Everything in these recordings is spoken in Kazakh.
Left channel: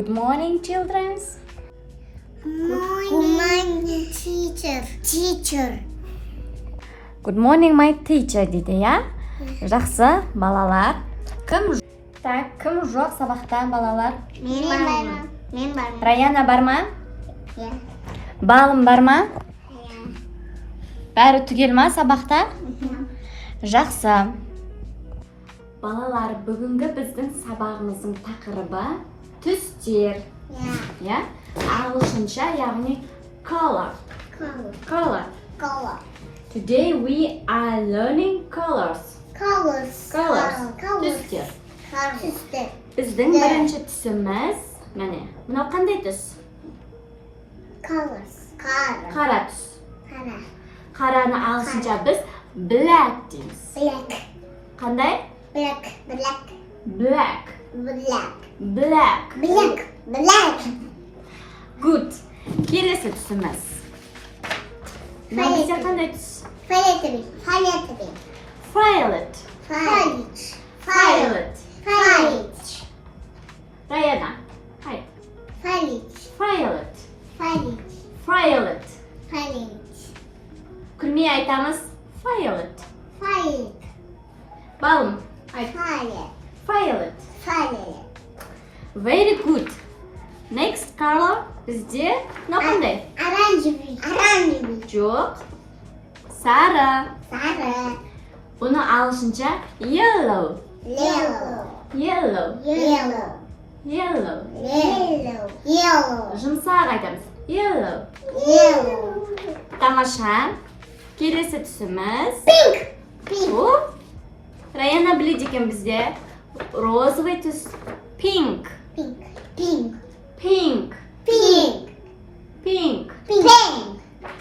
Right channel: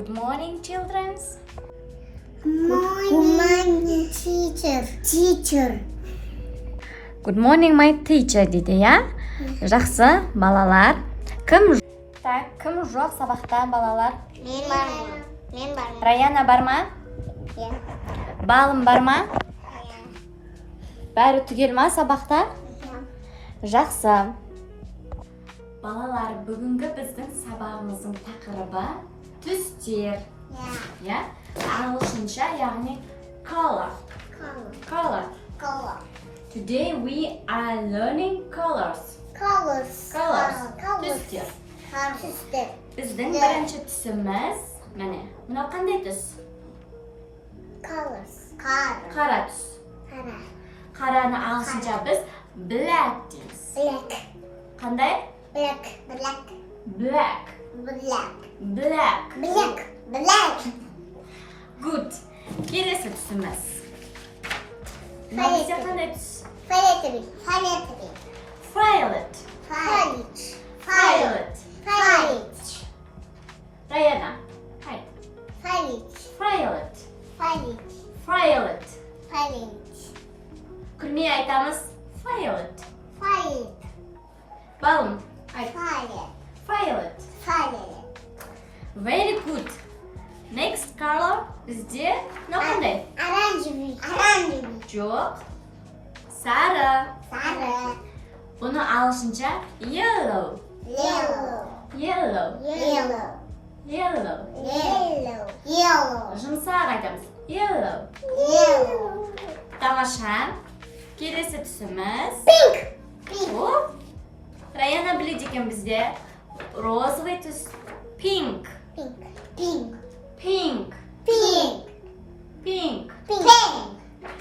Good morning, children. Morning, teacher. Good morning, my teacher дейді, ya? Жақсы, балалар. Кім жоқ сабақта, балалар? Мен бармын. Раяна бар ма? Иә. Балым бар ма? Бәрі түгел ма сабақта? Жақсы. Балалар, бүгінгі біздің сабағымыздың тақырыбы түстер. Ya, ағылшынша, яғни color. Today we are learning colors. Түстер. Біздің бірінші түсіміз, міне, мынау қандай түс? Қара түс. Қараны ағылшынша біз black дейміз. Қандай? Black. Good. Келесі түсіміз. Мынау бізде қандай түс? Violet. Раяна. Violet. Күлмей айтамыз violet. Балым, айт. Violet. Very good. Next color бізде мынау қандай? Оранжевый. Жоқ. Сары. Бұны ағылшынша yellow. Жұмсақ айтамыз. Yellow. Тамаша. Келесі түсіміз. О, Раяна біледі екен бізде. Розовый түс. Pink.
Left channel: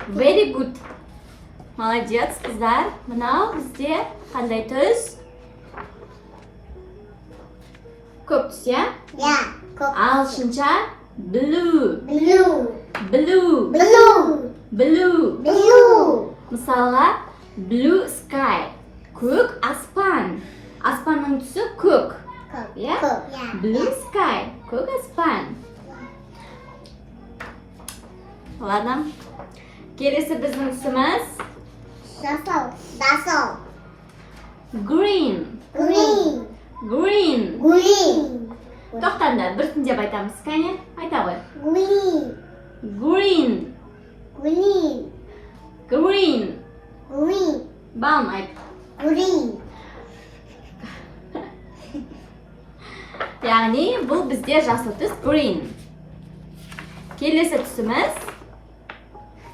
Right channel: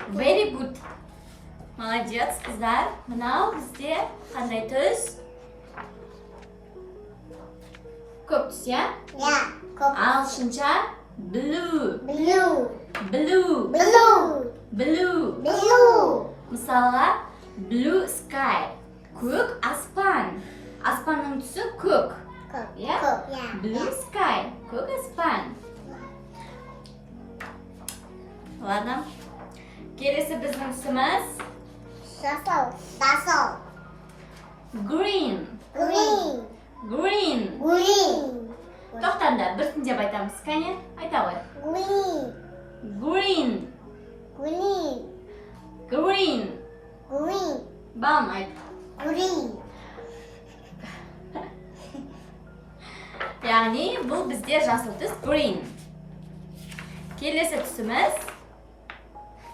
Very good. Молодец, қыздар. Мынау бізде қандай түс? Көк түс, я? Ағылшынша blue. Мысалға blue sky. Көк аспан. Аспанның түсі көк. Blue sky. Көк аспан. Ладно. Келесі біздің түсіміз green. Тоқтаңдар, біртіндеп айтамыз. Кәне, айта ғой. Green. Балым айт. Яғни, бұл бізде жасыл түс green. Келесі түсіміз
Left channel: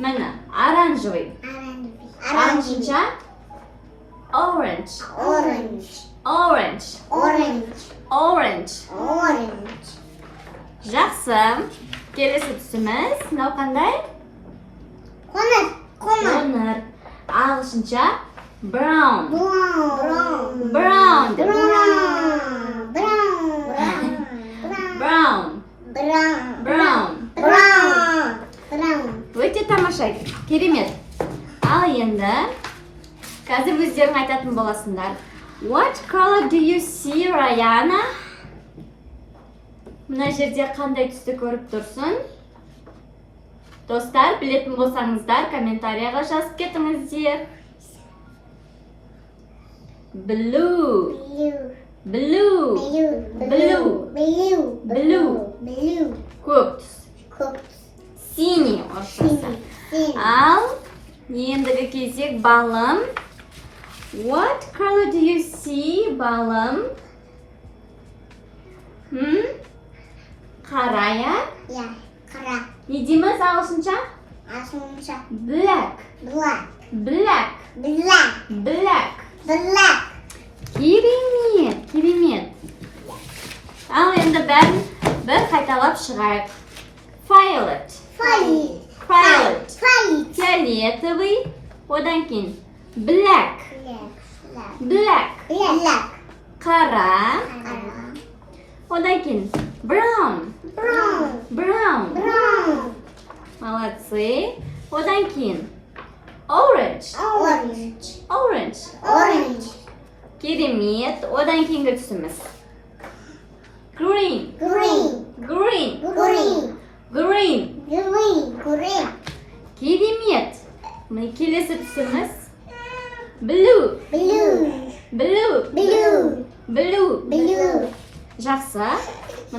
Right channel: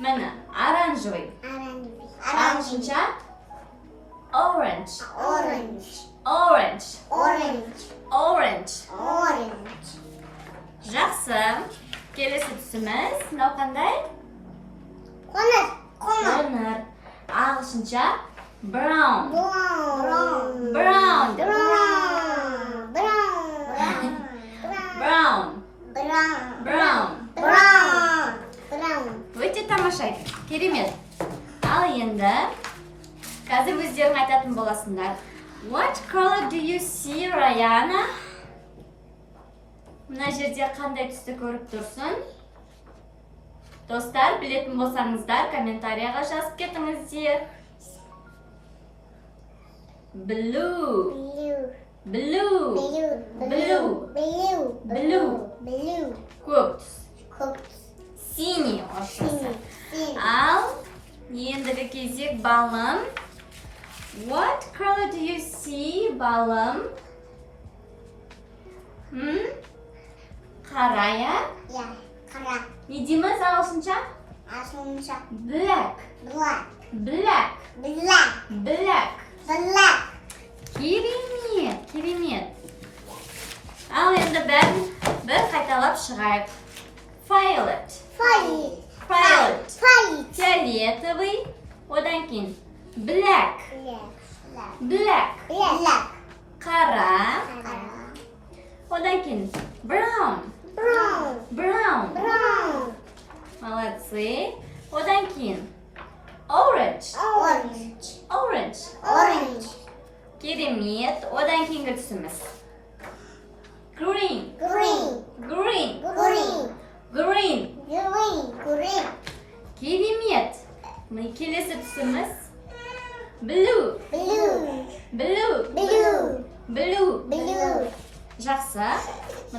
міне, оранжевый. Ағылшынша orange. Жақсы. Келесі түсіміз мынау қандай? Қоңыр. Ағылшынша brown. Өте тамаша, керемет. Ал енді, қазір өздерің айтатын боласыңдар. What color do you see, Rayana? Мына жерде қандай түсті көріп тұрсын? Достар, білетін болсаңыздар, комментарияға жазып кетіңіздер. Blue. Көк түс. Синий оршасы. Ал, ендігі кезек балым. What color do you see, балым? Қара, я? Не дейміз ағылшынша? Black. Керемет. Ал енді бәрін бір қайталап шығайық. Violet. Фиолетовый. Одан кейін black. Қара. Одан кейін brown. Молодцы. Одан кейін orange. Керемет. Одан кейінгі түсіміз green.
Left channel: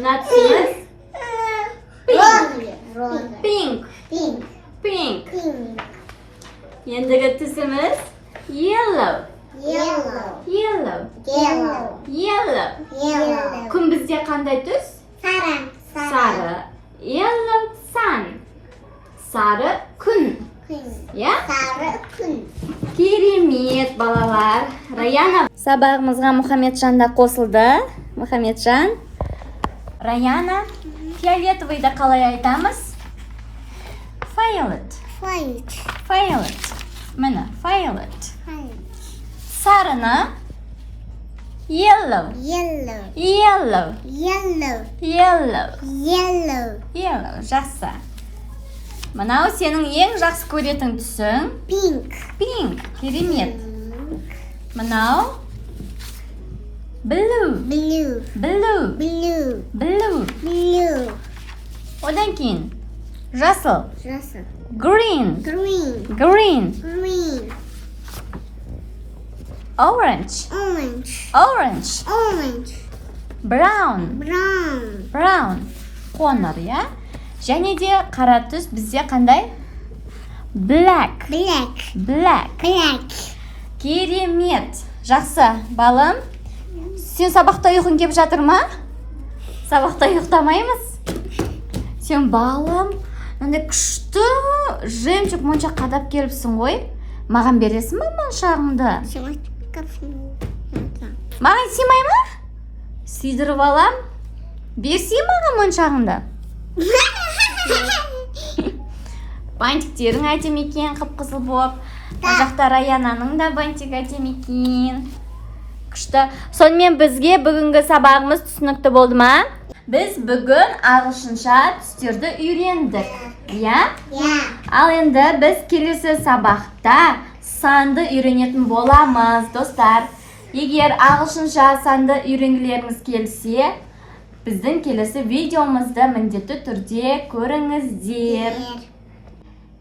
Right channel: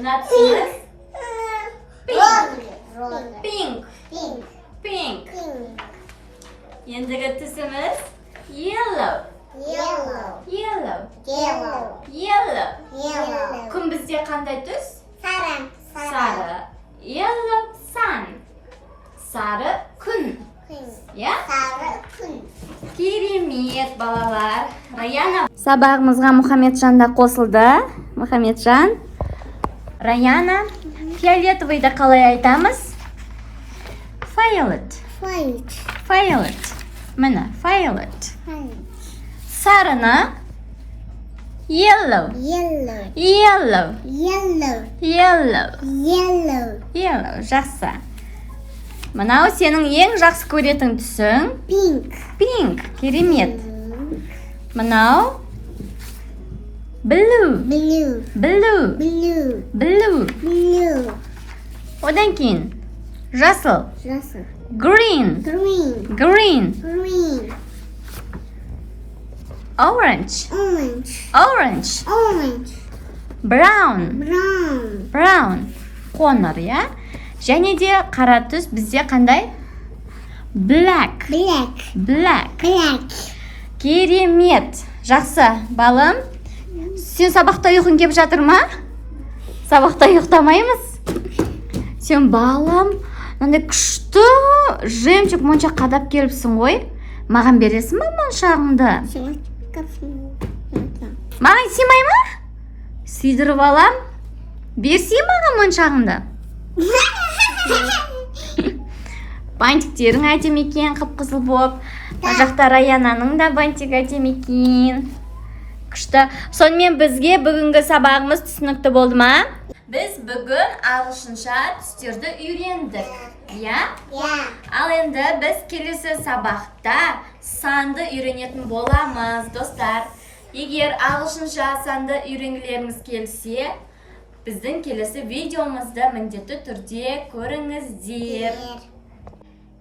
Mına түсіміз Роза. pink. Pink. Pink. Pink. Ендігі түсіміз yellow. Yellow. Yellow. Yellow. Yellow. Yellow. Күн бізде қандай түс? Сары. Sarı. Yellow sun. Sarı күн. Күн. Ya? Сары күн. Керемет балалар. Раяна. Сабағымызға Мұхамеджан да қосылды. Мұхамеджан. Раяна. Фиолетовыйды қалай айтамыз? Violet. White. Violet. Міне, violet. White. Sarыны yellow. Yellow. Yellow. Yellow. Yellow. Yellow. Yellow. Жақсы. Мынау сенің ең жақсы көретін түсің? Pink. Pink. Керемет. Мынау blue. Blue. Blue. Blue. Blue. Blue. Одан кейін жасыл. Жасыл. Green. Green. Green. Green. Orange. Orange. Orange. Orange. Brown. Brown. Brown. Қоңыр, иә? Және де қара түс бізде қандай? Black. Black. Black. Black. Керемет. Жақсы, балым. Сен сабақта ұйқың кеп жатыр ма? Сабақта ұйықтамаймыз. Сен балым, мынандай күшті жемчуг моншақ қадап келіпсің ғой. Маған бересің ба моншағыңды? Маған сыймай ма? Сыйдырып алам. Берсей маған моншағыңды. Бантиктерің әдемі екен, қып-қызыл болып. Мына жақта Раянаның да бантик әдемі екен. Күшті. Сонымен бізге бүгінгі сабағымыз түсінікті болды ма? Біз бүгін ағылшынша түстерді үйрендік. Иә? Ал енді біз келесі сабақта санды үйренетін боламыз, достар. Егер ағылшынша санды үйренгілеріңіз келсе, біздің келесі видеомызды міндетті түрде көріңіздер.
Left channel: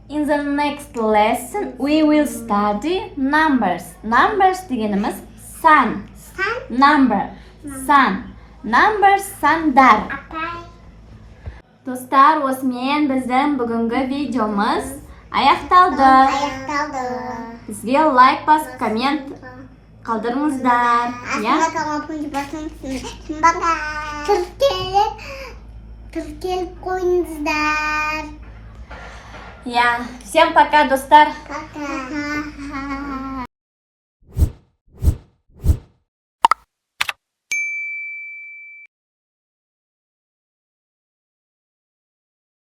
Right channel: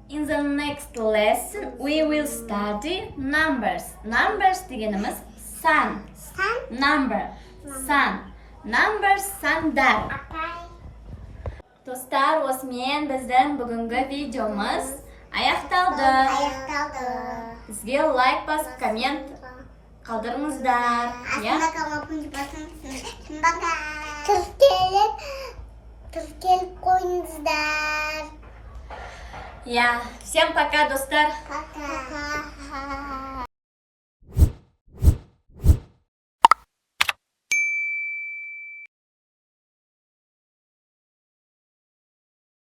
In the next lesson, we will study numbers. Numbers дегеніміз сан. Number. Сан. Numbers сандар. Достар, осымен біздің бүгінгі видеомыз аяқталды. Бізге лайк басып, коммент қалдырыңыздар. Тіркеліп қойыңыздар. Всем пока, достар. Пока.